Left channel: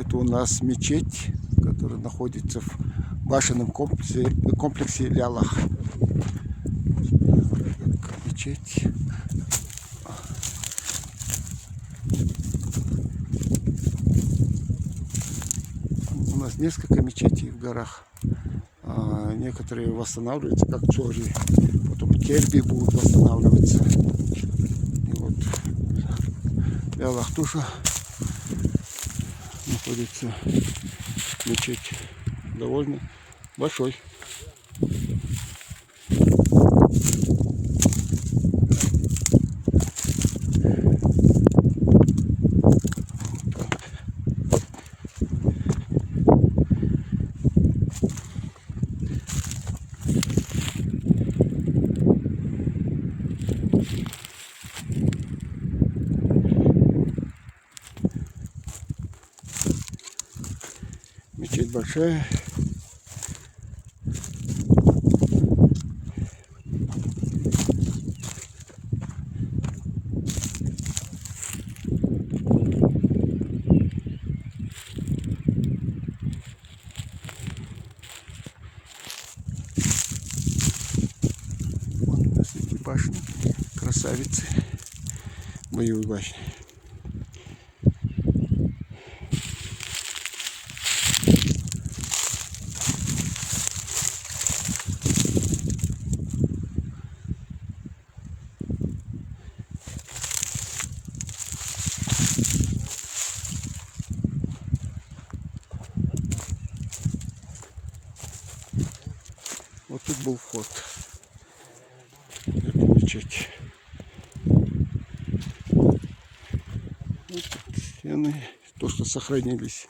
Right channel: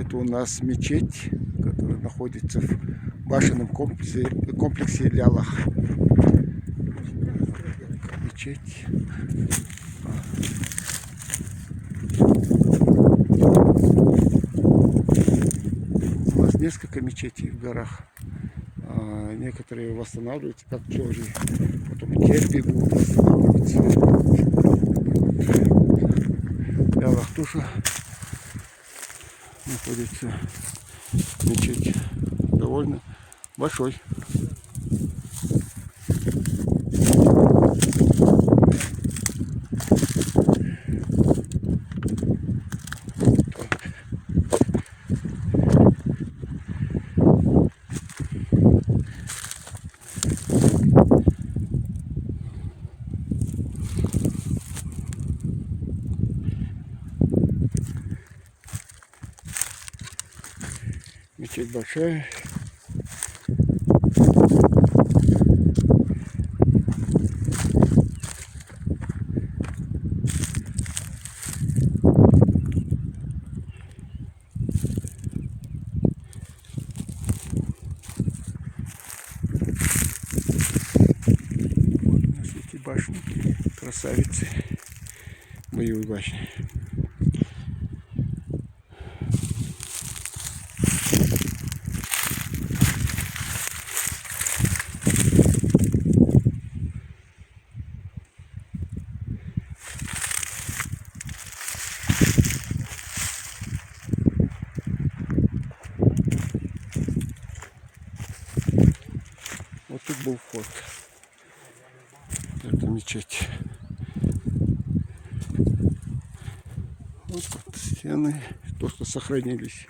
Это у нас мечеть, которая находится в башенном комплексе Лялах. Мечеть. У нас несколько мечетей в горах. Некоторые восстанавливаются, как Джори. Потом Терби будут восстанавливаться. Лялах тоже находится мечеть. Довольно большой. Мечеть большая. Вот у нас эти башни, красавицы, боевые башни. Вот тут был вход в эту мечеть. Вот тут стены, то, что сохранились.